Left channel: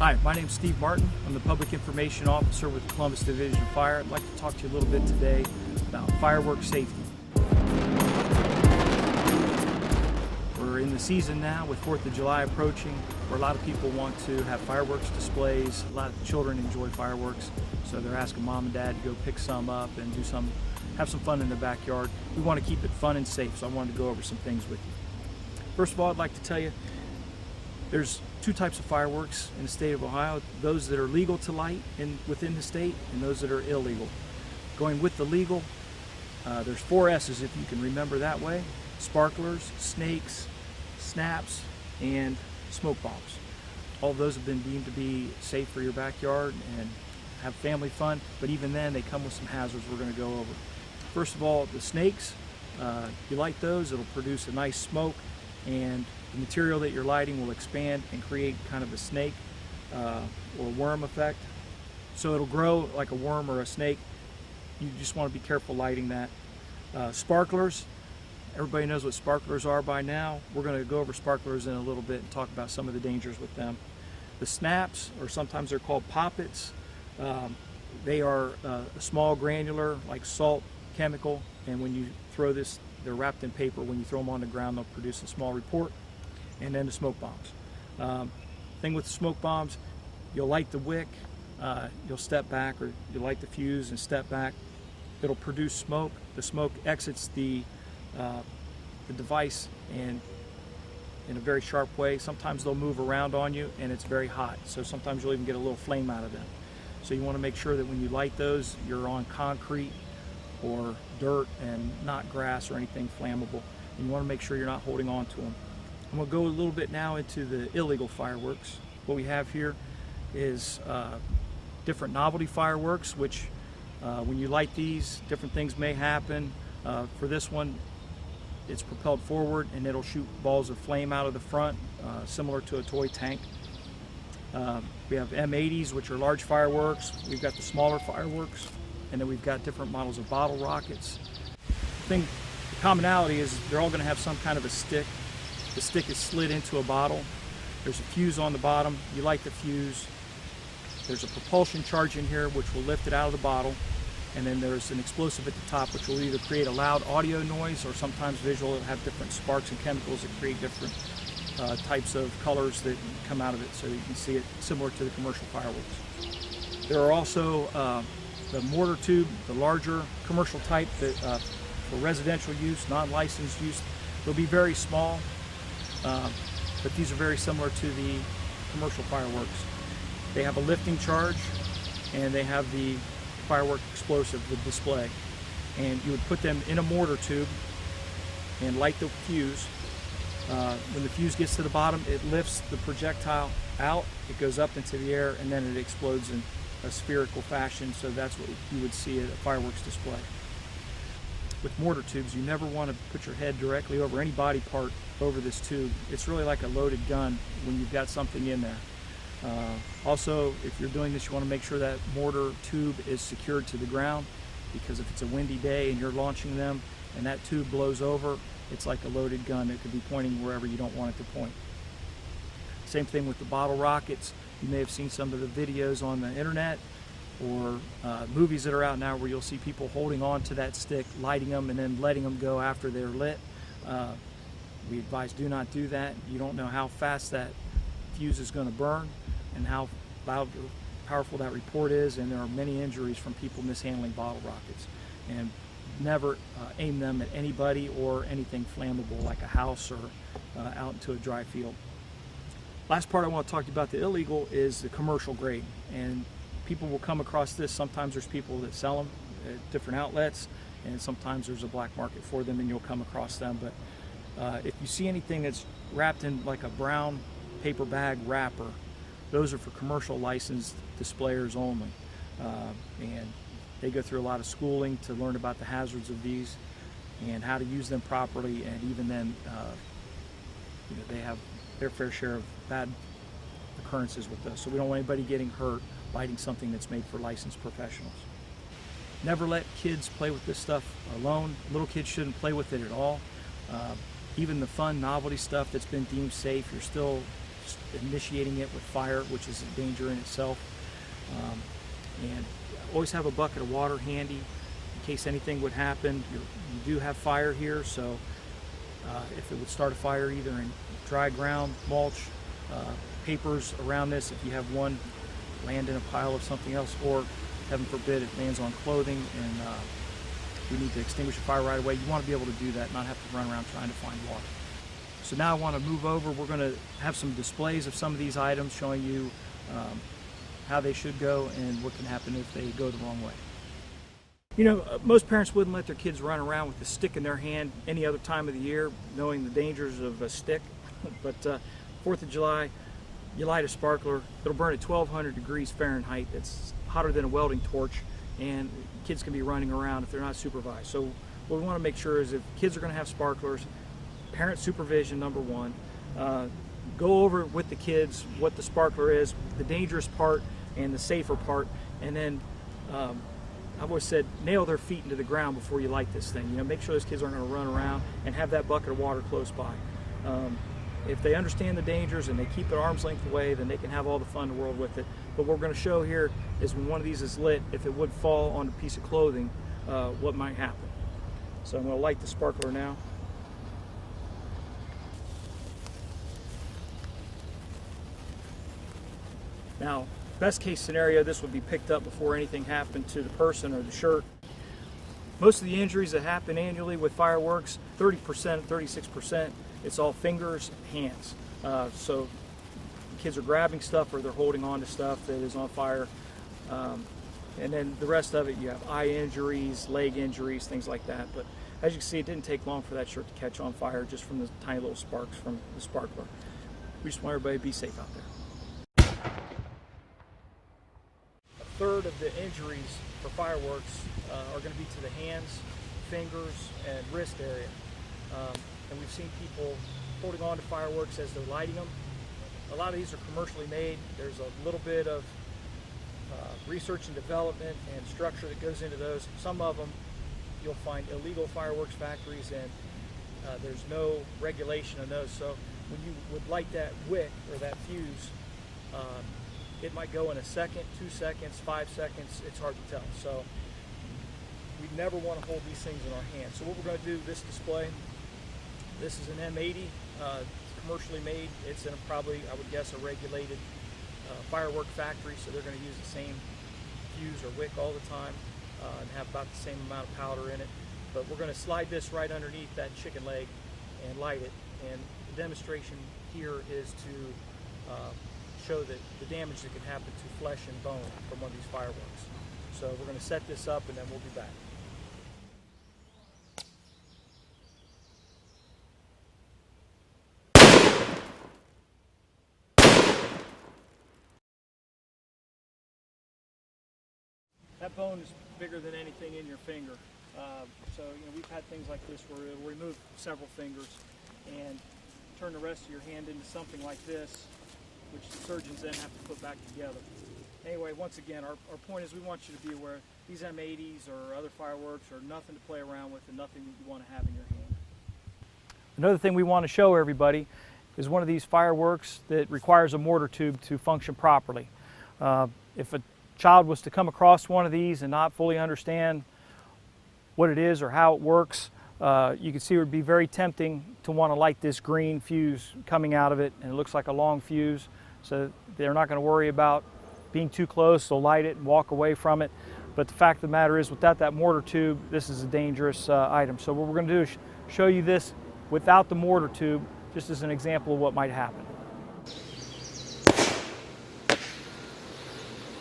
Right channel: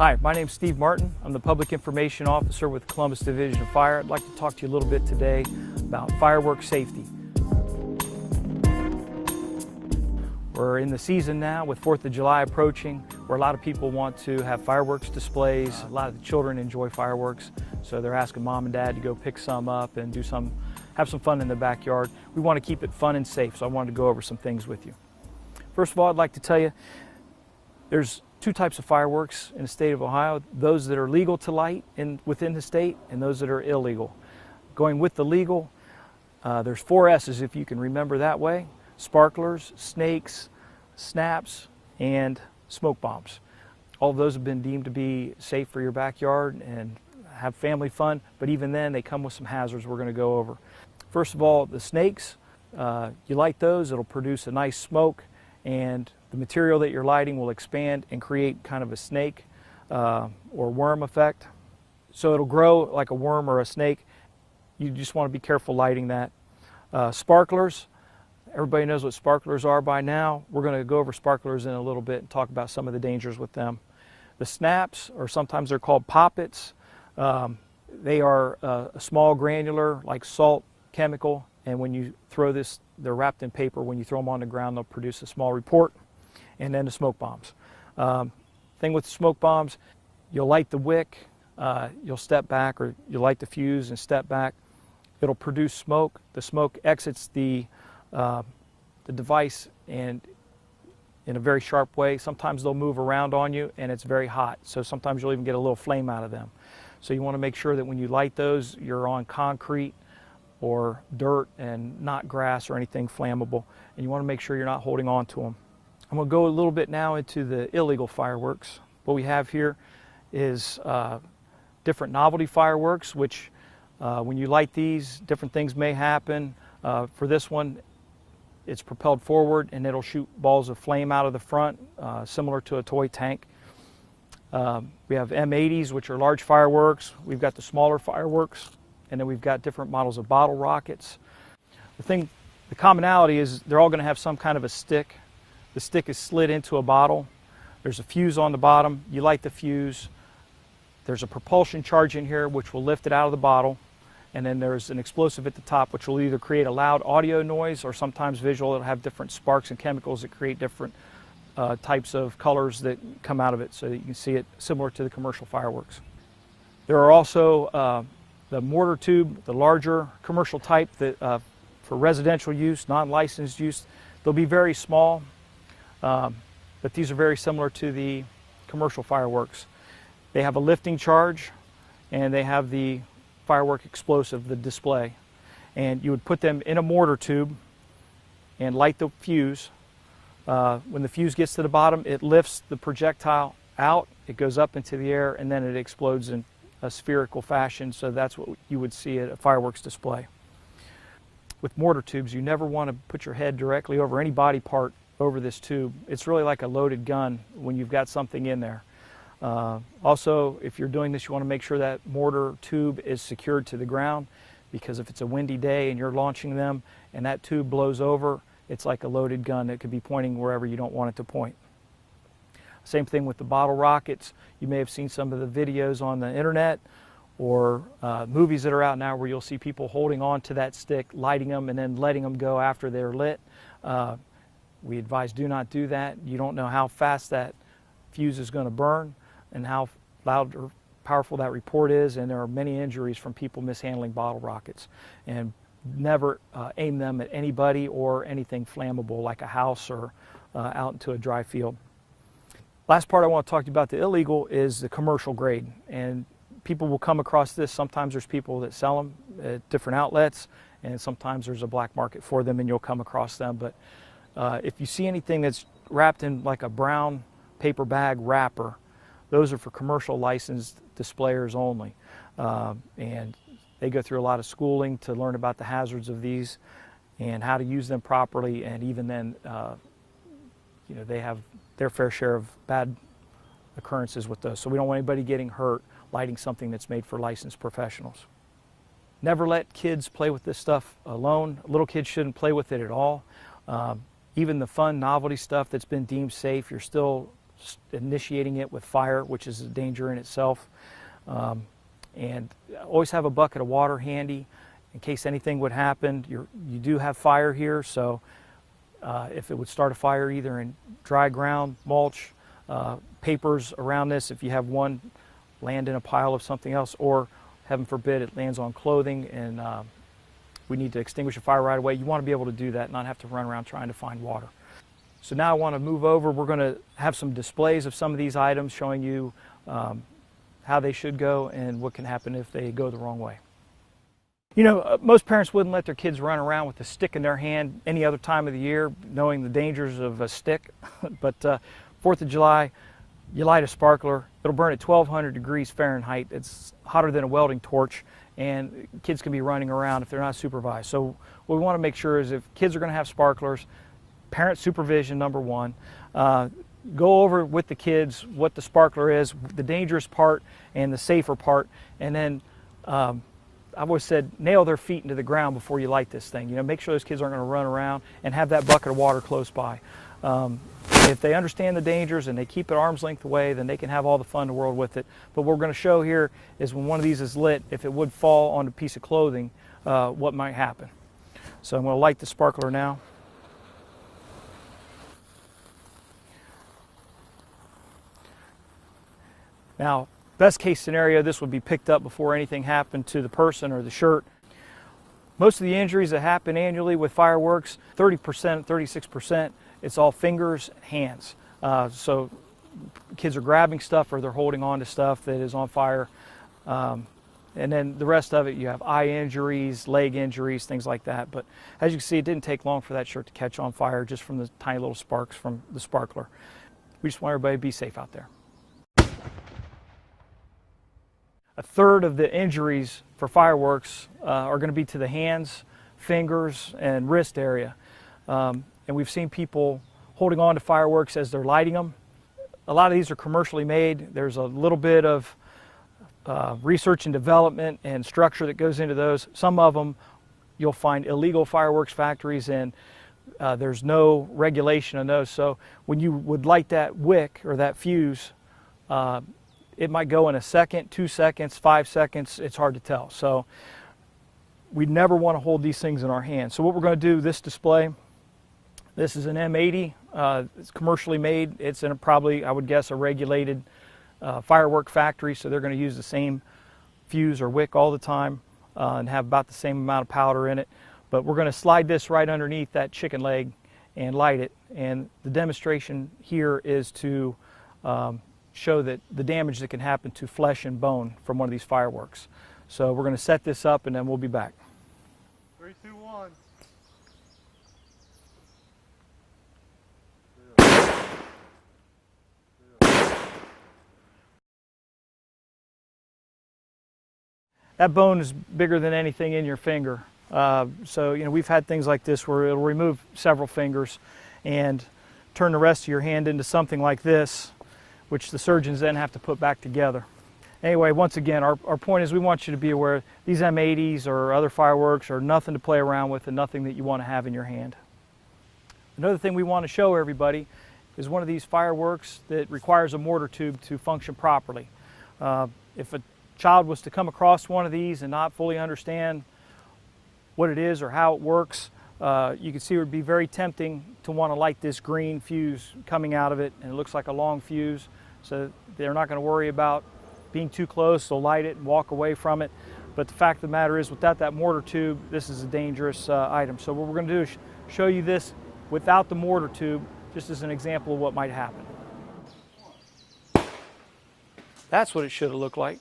Hi, my name is Steve Martin. I'm the Public Information Officer with Columbus Division of Fire. I'd like to talk to you a little bit today about fireworks safety. We're in the season now with 4th of July approaching, where a lot of people want to have fireworks displays. A lot of the children enjoy fireworks, so they're asking mom and dad to go pick some up and have some fun in the backyard. We want to keep it fun and safe, so I wanted to go over some things with you. First of all, I'd like to tell you there's two types of fireworks in the state of Ohio: those that are legal to light within the state and those that are illegal. Going with the legal, there's 4 S's if you can remember that way: sparklers, snakes, snaps, and smoke bombs. All of those have been deemed to be safe for your backyard and have family fun, but even then they come with some hazards we're going to go over. First of all, the snakes, you light those, it'll produce a nice smoke, and the material that you're lighting will expand and create kind of a snake or worm effect. So it'll grow like a worm or a snake. You just want to be careful lighting that. Sparklers, everybody knows what sparklers are by now. We're going to go over sparklers in a little bit and talk about some of the dangers with them. The snaps, or sometimes they're called poppets, they are a small granular like salt chemical, and when you throw this, they're wrapped in paper. When you throw them on the ground, they'll produce a small report. And then the smoke bombs. Thing with the smoke bombs, you'll light the wick, you'll step back, or you'll light the fuse and step back. It'll produce smoke. The smoke exits the device and in a very sharp way. Sometimes they'll move around on you and it's very hot, so sometimes you'll even get a little flame out of them. So you want to make sure that when you light those, you're on concrete or dirt and not grass or anything flammable, and you want to make sure you're not holding on to them. I'm going to go a little bit now into the illegal fireworks. What we have here is different novelty fireworks, which when you light these, different things may happen. For this one, it's propelled forward and it'll shoot balls of flame out of the front, similar to a toy tank. We have M80s, which are large fireworks. We've got the smaller fireworks, and then we've got different models of bottle rockets. The commonality is they're all going to have some kind of a stick. The stick is slid into a bottle. There's a fuse on the bottom. You light the fuse. There's a propulsion charge in here which will lift it out of the bottle. And then there's an explosive at the top which will either create a loud audio noise or sometimes visual. It'll have different sparks and chemicals that create different types of colors that come out of it, so that you can see it similar to the commercial fireworks. There are also the mortar tube, the larger commercial type that for residential use, non-licensed use. They'll be very small. But these are very similar to the commercial fireworks. They have a lifting charge and they have the firework explosive, the display. And you would put them in a mortar tube and light the fuse. When the fuse gets to the bottom, it lifts the projectile out, it goes up into the air, and then it explodes in a spherical fashion. So that's what you would see at a fireworks display. With mortar tubes, you never want to put your head directly over any body part over this tube. It's really like a loaded gun when you've got something in there. Also, if you're doing this, you want to make sure that mortar tube is secured to the ground, because if it's a windy day and you're launching them and that tube blows over, it's like a loaded gun that could be pointing wherever you don't want it to point. Same thing with the bottle rockets. You may have seen some of the videos on the internet or movies that are out now where you'll see people holding on to that stick, lighting them, and then letting them go after they're lit. We advise do not do that. You don't know how fast that fuse is going to burn and how loud or powerful that report is, and there are many injuries from people mishandling bottle rockets. And never aim them at anybody or anything flammable like a house or out into a dry field. Last part I want to talk to you about the illegal is the commercial grade, and people will come across this. Sometimes there's people that sell them at different outlets, and sometimes there's a black market for them and you'll come across them. But if you see anything that's wrapped in like a brown paper bag wrapper, those are for commercial licensed displayers only. And they go through a lot of schooling to learn about the hazards of these and how to use them properly, and even then they have their fair share of bad occurrences with those. So we don't want anybody getting hurt lighting something that's made for licensed professionals. Never let kids play with this stuff alone. Little kids shouldn't play with it at all. Even the fun novelty stuff that's been deemed safe, you're still initiating it with fire, which is a danger in itself. And always have a bucket of water handy in case anything would happen. You do have fire here, so if it would start a fire either in dry ground, mulch, papers around this, if you have one land in a pile of something else, or heaven forbid it lands on clothing and we need to extinguish a fire right away, you want to be able to do that, not have to run around trying to find water. So now I want to move over. We're going to have some displays of some of these items showing you how they should go and what can happen if they go the wrong way. You know, most parents wouldn't let their kids run around with a stick in their hand any other time of the year, knowing the dangers of a stick. But 4th of July, you light a sparkler, it'll burn at 1200 degrees Fahrenheit. It's hotter than a welding torch, and kids can be running around if they're not supervised. So what we want to make sure is if kids are going to have sparklers, parent supervision, number one. Go over with the kids what the sparkler is, the dangerous part and the safer part, and then I've always said nail their feet into the ground before you light this thing. You know, make sure those kids aren't going to run around, and have that bucket of water close by. If they understand the dangers and they keep it arm's length away, then they can have all the fun in the world with it. But what we're going to show here is when one of these is lit, if it would fall on a piece of clothing, what might happen. So I'm going to light the sparkler now. Now, best case scenario, this would be picked up before anything happened to the person or the shirt. Most of the injuries that happen annually with fireworks, 30%, 36%, it's all fingers, hands. So kids are grabbing stuff or they're holding on to stuff that is on fire. And then the rest of it, you have eye injuries, leg injuries, things like that. But as you can see, it didn't take long for that shirt to catch on fire just from the tiny little sparks from the sparkler. We just want everybody to be safe out there. A third of the injuries for fireworks are going to be to the hands, fingers, and wrist area. And we've seen people holding on to fireworks as they're lighting them. A lot of these are commercially made. There's a little bit of research and development and structure that goes into those. Some of them you'll find illegal fireworks factories, and there's no regulation on those. So when you would light that wick or that fuse, it might go in a second, 2 seconds, 5 seconds. It's hard to tell. So we never want to hold these things in our hands. So what we're going to do, this display, this is an M80. It's commercially made. It's in probably, I would guess, a regulated firework factory. So they're going to use the same fuse or wick all the time and have about the same amount of powder in it. But we're going to slide this right underneath that chicken leg and light it. And the demonstration here is to show that the damage that can happen to flesh and bone from one of these fireworks. So we're going to set this up and then we'll be back. 3, 2, 1. That bone is bigger than anything in your finger. So you know, we've had things like this where it'll remove several fingers and turn the rest of your hand into something like this, which the surgeons then have to put back together. Anyway, once again, our point is we want you to be aware these M80s or other fireworks are nothing to play around with and nothing that you want to have in your hand. Another thing we want to show everybody is one of these fireworks that requires a mortar tube to function properly. If a child was to come across one of these and not fully understand what it is or how it works, you can see it would be very tempting to want to light this green fuse coming out of it, and it looks like a long fuse, so they're not going to worry about being too close. They'll light it and walk away from it. But the fact of the matter is, without that mortar tube, this is a dangerous item. So what we're going to do is show you this without the mortar tube, just as an example of what might happen. That's what it should have looked like.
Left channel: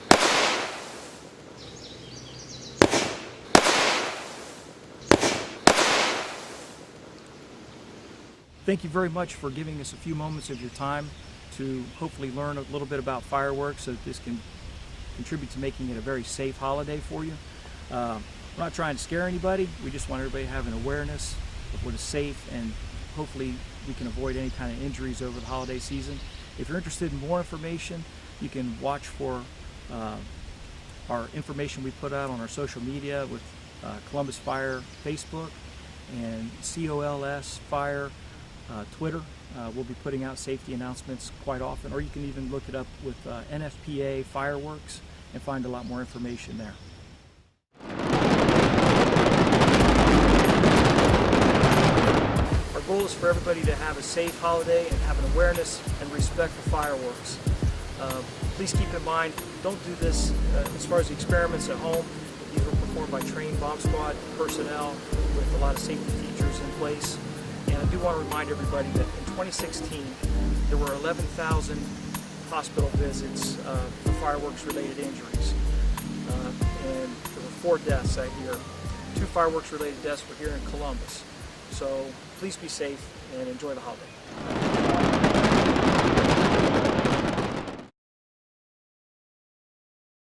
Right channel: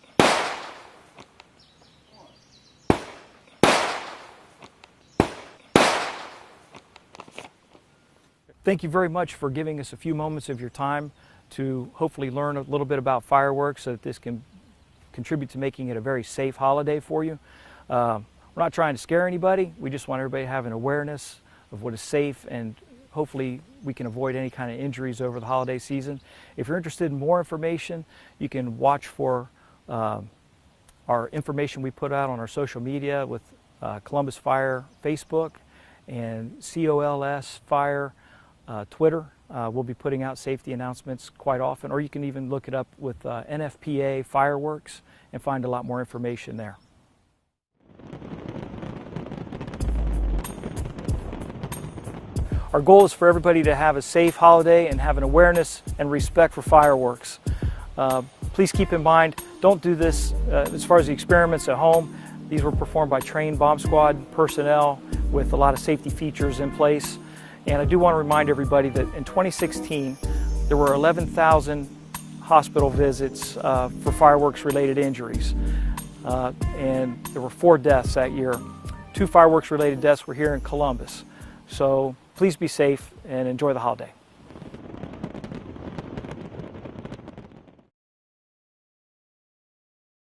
Thank you very much for giving us a few moments of your time to hopefully learn a little bit about fireworks so that this can contribute to making it a very safe holiday for you. We're not trying to scare anybody. We just want everybody to have an awareness of what is safe, and hopefully we can avoid any kind of injuries over the holiday season. If you're interested in more information, you can watch for our information we put out on our social media with Columbus Fire Facebook and COLS Fire Twitter We'll be putting out safety announcements quite often, or you can even look it up with NFPA fireworks and find a lot more information there. Our goal is for everybody to have a safe holiday and have an awareness and respect for fireworks. Please keep in mind, don't do this as far as the experiments at home. These were performed by trained bomb squad personnel with a lot of safety features in place. And I do want to remind everybody that in 2016, there were 11,000 hospital visits for fireworks-related injuries. And there were 4 deaths that year. 2 fireworks-related deaths were here in Columbus. So please be safe and enjoy the holiday.